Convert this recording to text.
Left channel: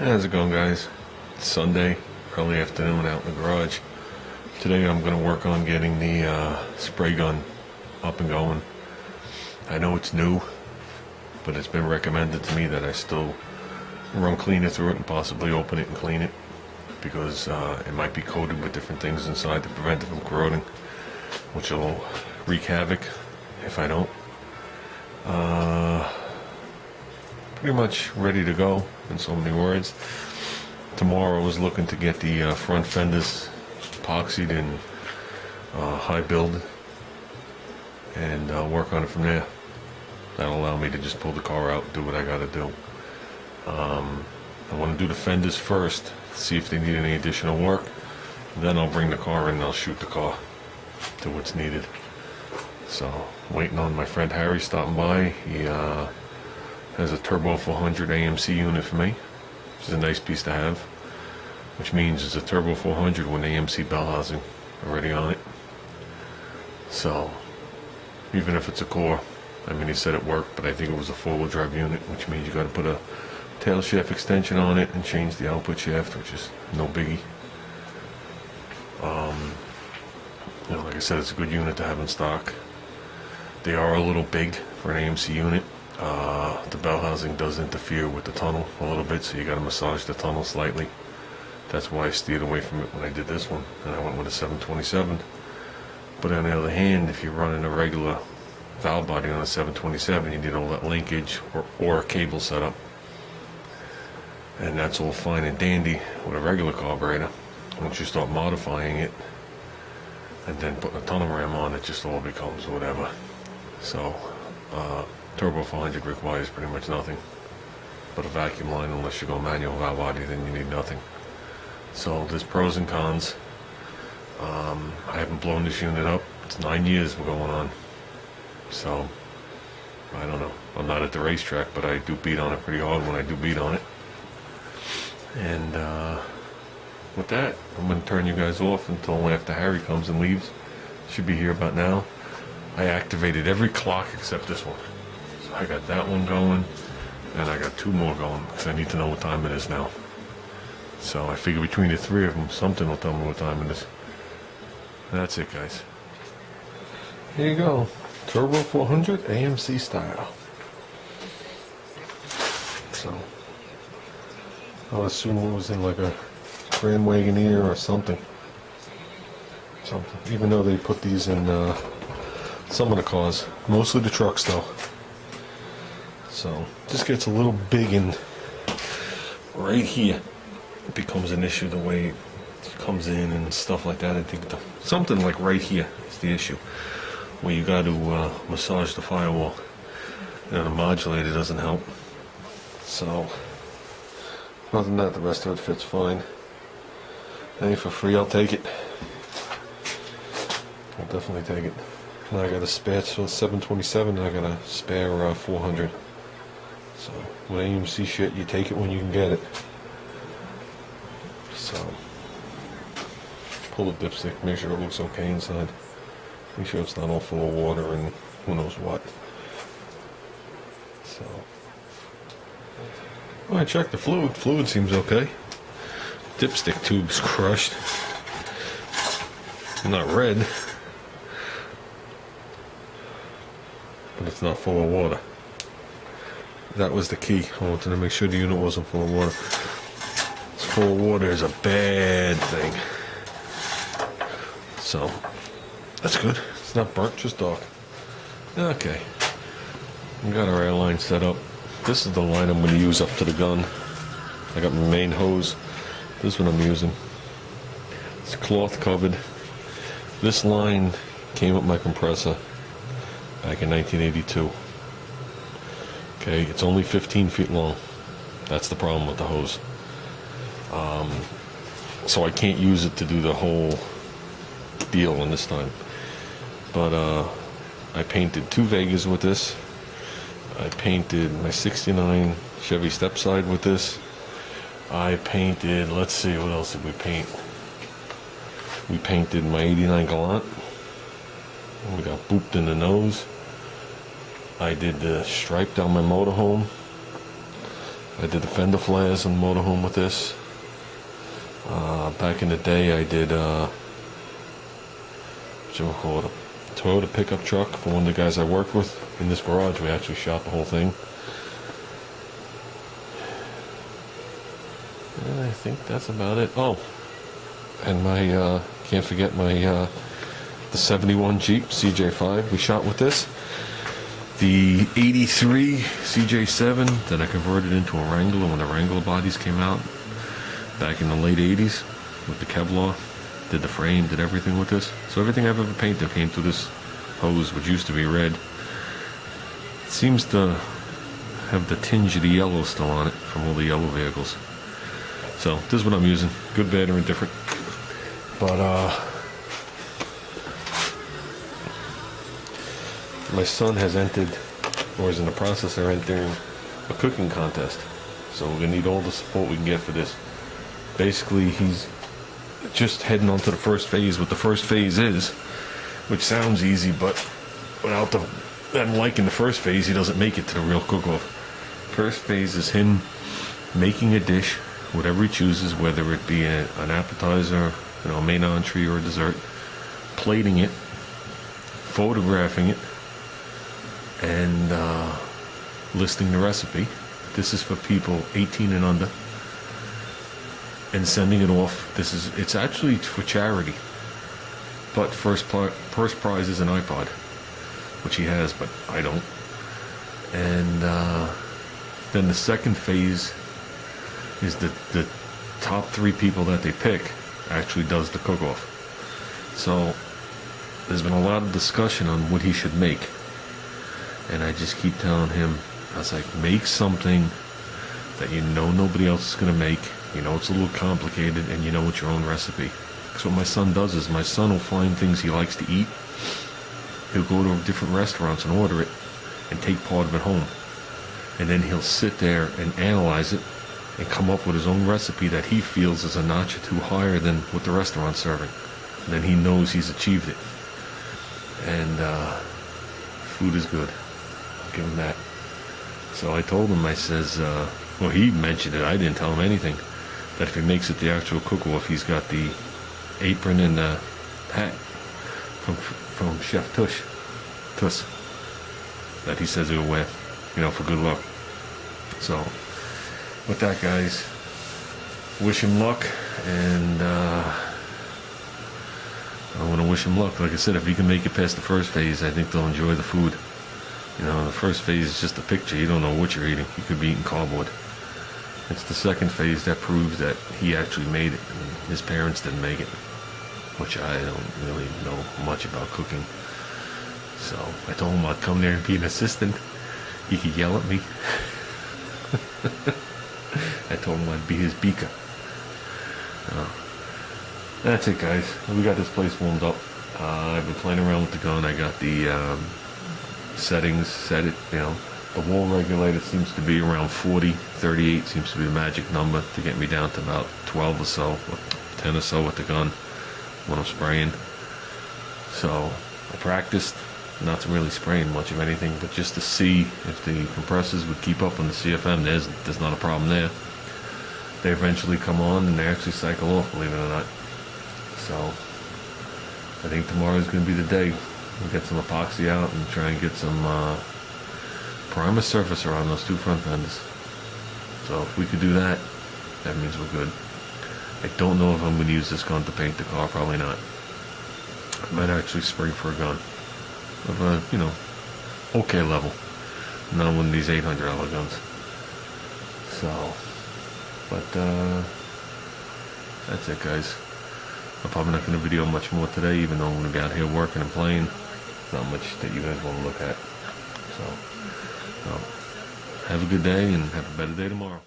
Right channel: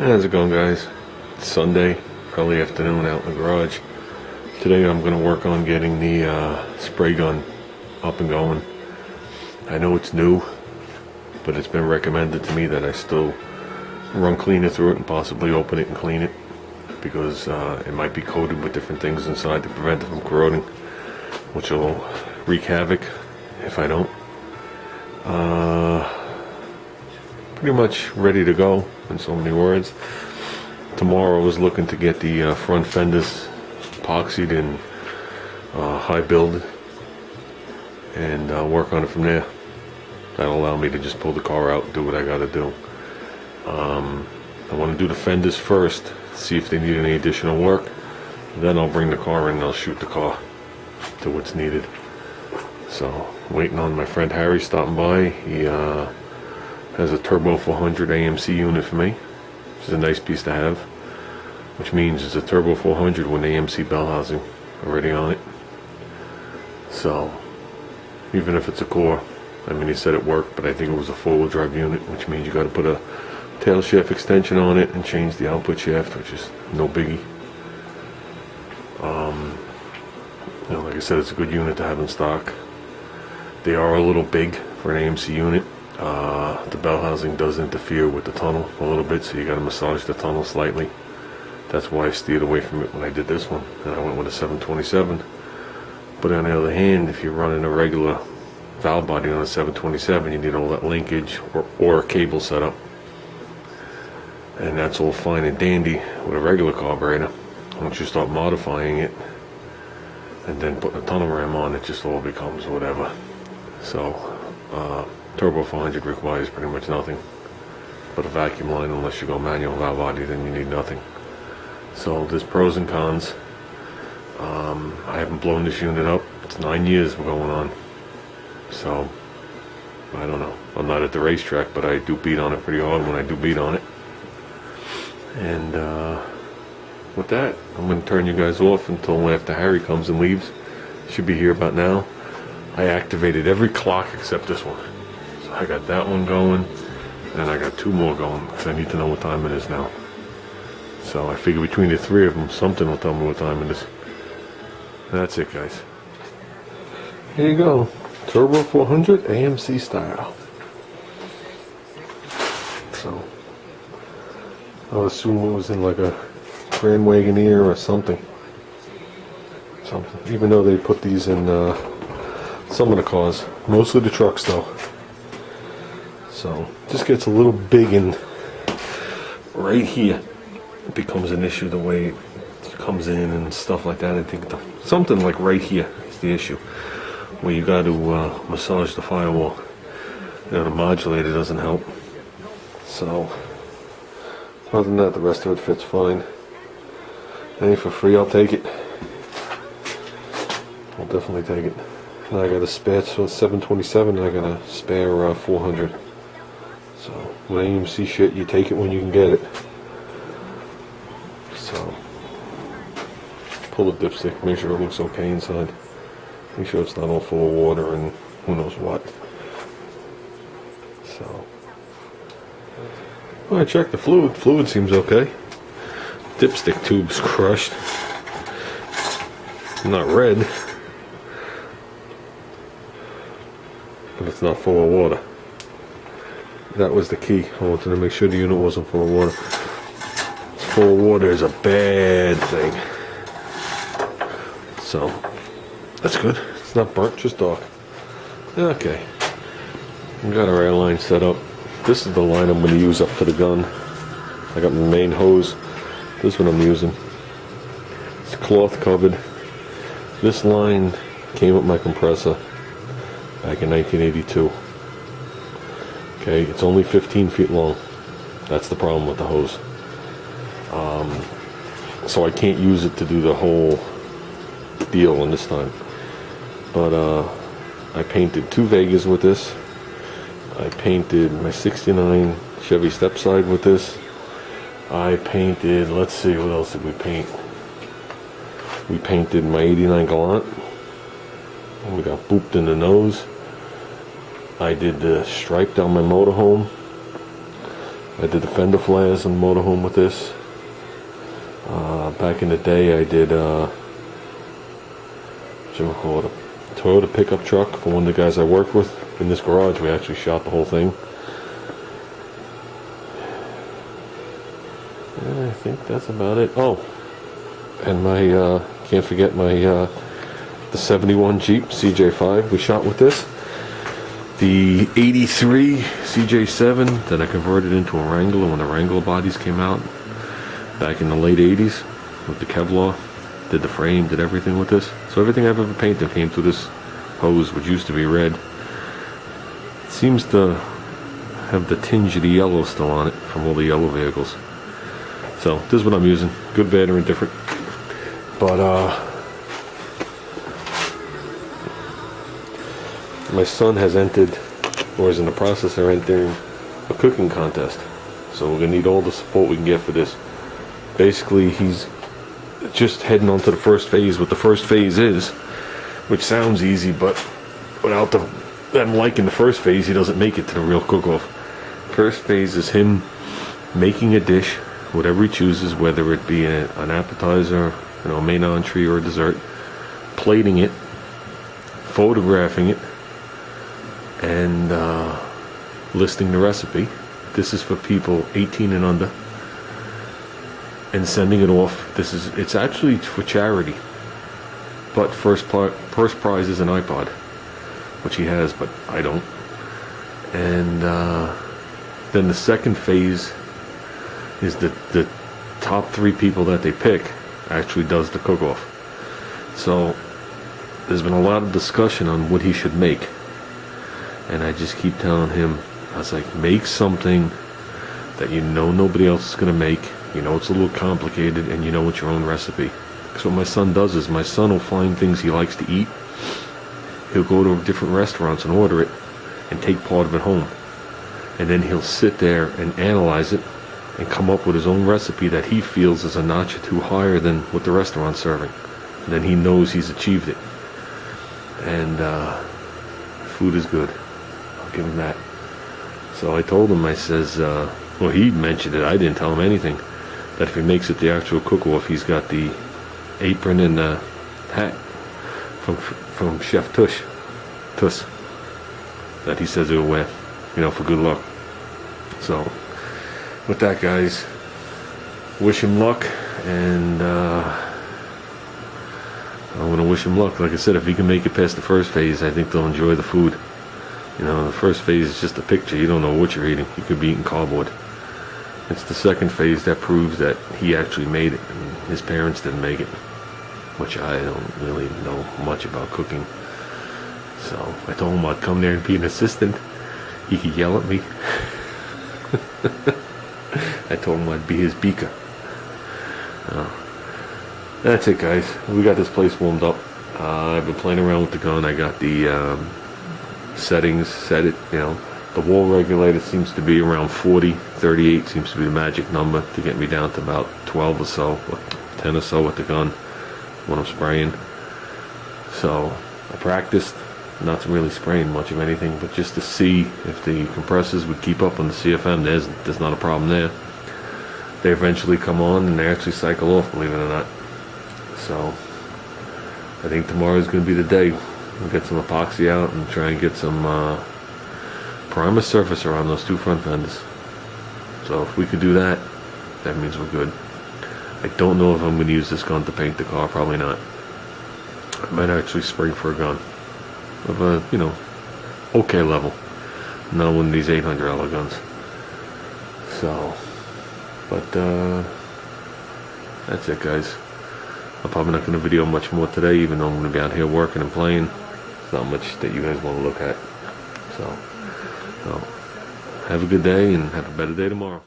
How's it going, guys? It's Sunday, early afternoon out in the garage. Today I'm going to work on getting the spray gun up and going. I know it's new, but it's been recommended to me that I still run cleaner through it and possibly open it and clean it, because it might be coated with different things inside to prevent it from corroding, which will wreak havoc if I don't. Pretty much ready to go, in so many words. Tomorrow I was looking to get the front fenders epoxied in high build and work on it from there. That'll allow me to just pull the car out and do what I gotta do. I want to do the fenders first, see if they need any additional work. Then I'll bring the car in and I'll shoot the car to what's needed. So, waiting on my friend Harry stopping by. He has a Turbo 400 AMC unit for me, which is a nice piece to have, which means it's a Turbo 400 with an AMC bell housing already on it. So, even if it's a core, I mean, he said it worked, but I think it was a four-wheel drive unit, which means you got to put a tail shaft extension on it and change the output shaft, which is no biggie. Like I said, it's a good unit to have in stock. They are a little big for an AMC unit. The bell housing does interfere with the tunnel a little bit, so you got to massage the tunnel slightly. That's why I steered away from it when I did this one, and I went with a 727. But on the other hand, if you're running a regular valve body on a 727, you need all that linkage or a cable setup, and that's all fine and dandy with a regular carburetor. Once you start modifying it and then putting a tunnel ram on, it just all becomes whatever. So Turbo 400 requires pretty much nothing but a vacuum line. Unless you go manual valve body, then you need nothing. So there's pros and cons. I haven't blown this unit up. It's 9 years we're going on. So I don't know. I'm not at the racetrack, but I do beat on it pretty hard when I do beat on it. And with that, I'm going to turn you guys off until after Harry comes and leaves. Should be here about now. I activated every clock except this one. So I got that one going, and I got two more going because I need to know what time it is now. So I figure between the three of them, something will tell me what time it is. That's it, guys. Here you go. Turbo 400 AMC style. So I would assume it was in like a Grand Wagoneer or something. Even though they put these in some of the cars, mostly the trucks though. So just gets a little big in right here. It becomes an issue the way it comes in and stuff like that. I think something like right here is the issue, where you got to massage the firewall. The modulator doesn't help. So other than that, the rest of it fits fine. Any for free, I'll take it. I'll definitely take it. Now I got a spare 727 and I got a spare 400. So with AMC shit, you take it when you can get it. So pull the dipstick, make sure it looks okay inside. Make sure it's not all full of water and who knows what. So I checked the fluid. Fluid seems okay. Dipstick tube's crushed. Not red, but it's not full of water. That was the key. I wanted to make sure the unit wasn't full of water. It's full of water is a bad thing. So that's good. It's not burnt, just dark. Okay. We got our airline set up. This is the line I'm going to use up to the gun. I got my main hose. This one I'm using. It's cloth covered. This line came with my compressor back in 1982. Okay, it's only 15 feet long. That's the problem with the hose. So I can't use it to do the whole deal on this time. But I painted two Vegas with this. I painted my 69 Chevy Stepside with this. I painted, let's see, what else did we paint? We painted my 89 Galant. And we got booped in the nose. I did the stripe down my motorhome. I did the fender flares on the motorhome with this. Back in the day, I did what you call it, a Toyota pickup truck for one of the guys I worked with. In this garage, we actually shot the whole thing. And I think that's about it. Oh, and my can't forget my the 71 Jeep CJ5 we shot with this. The 83 CJ7 that I converted into a Wrangler when the Wrangler bodies came out back in the late 80s with the Kevlar. Did the frame, did everything with this. So everything I've ever painted came through this hose, which used to be red. It seems to have the tinge of the yellow still on it from all the yellow vehicles. So this is what I'm using. Good, bad, or indifferent. But my son has entered, or is in the process of entering, a cooking contest. So we're gonna need all the support we can get for this. Basically, he's just heading on to the first phase. What the first phase is, which sounds easy, but without them liking the first phase, he doesn't make it to the real cook-off. First phase is him making a dish, whatever he chooses, whether it be an appetizer, a main entree, or a dessert, plating it, photographing it, and listing the recipe. This is for people 18 and under, and sending it off. It's actually for charity, but first prize is an iPod, which he has, but I don't. And then the second phase is the top 3 people that they pick actually does the cook-off. So there's been a lot of discussion on what he should make, and I just keep telling him, I was like, make something that nobody else is going to make. It's a little complicated, and it's your own recipe. Because what my son does is, my son will find things he likes to eat. He'll go to different restaurants and order it, and take part of it home. And then he'll sit there and analyze it, and come up with his own recipe that he feels is a notch or two higher than what the restaurant's serving. And then he knows he's achieved it. And food is good. I'll give him that. So I told him, I says, well, he mentioned it, I didn't tell him anything, that if he makes it the actual cook-off, he's got the apron and the hat from Chef Tuss, that he says he'll wear, for good luck. So with that, guys, wish him luck, and I want to wish him luck. Like I said, if he can make it past the first phase, I think they'll enjoy the food. The first phase is just a picture. You don't know what you're eating. You could be eating cardboard. It's the second phase that proves that he actually made it, and his parents didn't make it, which I don't really know much about cooking. So I told him I'd come there and be an assistant. He could yell at me. I told him I'd be his beaker. That's it, guys. We got this place warmed up. I've been playing around with the gun. I got the settings set it, the wall regulator seems to be around 40. 38 seems to be the magic number to get me down to about 12 or so, or 10 or so with the gun when I'm spraying. So I practiced not to really spraying much of anything, but just to see if the compressors would keep up on the CFM. There's not a problem there. They eventually come on and they actually cycle off, believe it or not. So I think tomorrow is going to be the day. We'll get some epoxy out and try and get some primer surface around those 2 front fenders. So if we could do that, that means we're good. I don't know if I'm going to use this gun to paint the car. Probably not. I might actually spring for a gun of a, okay level, not one of these $800 guns. So, but that's it, guys. I'm probably not going to video much more today, even though I'm going to be out here working and playing. There's not much that you guys want to look at. So, have a good day and have a better day tomorrow.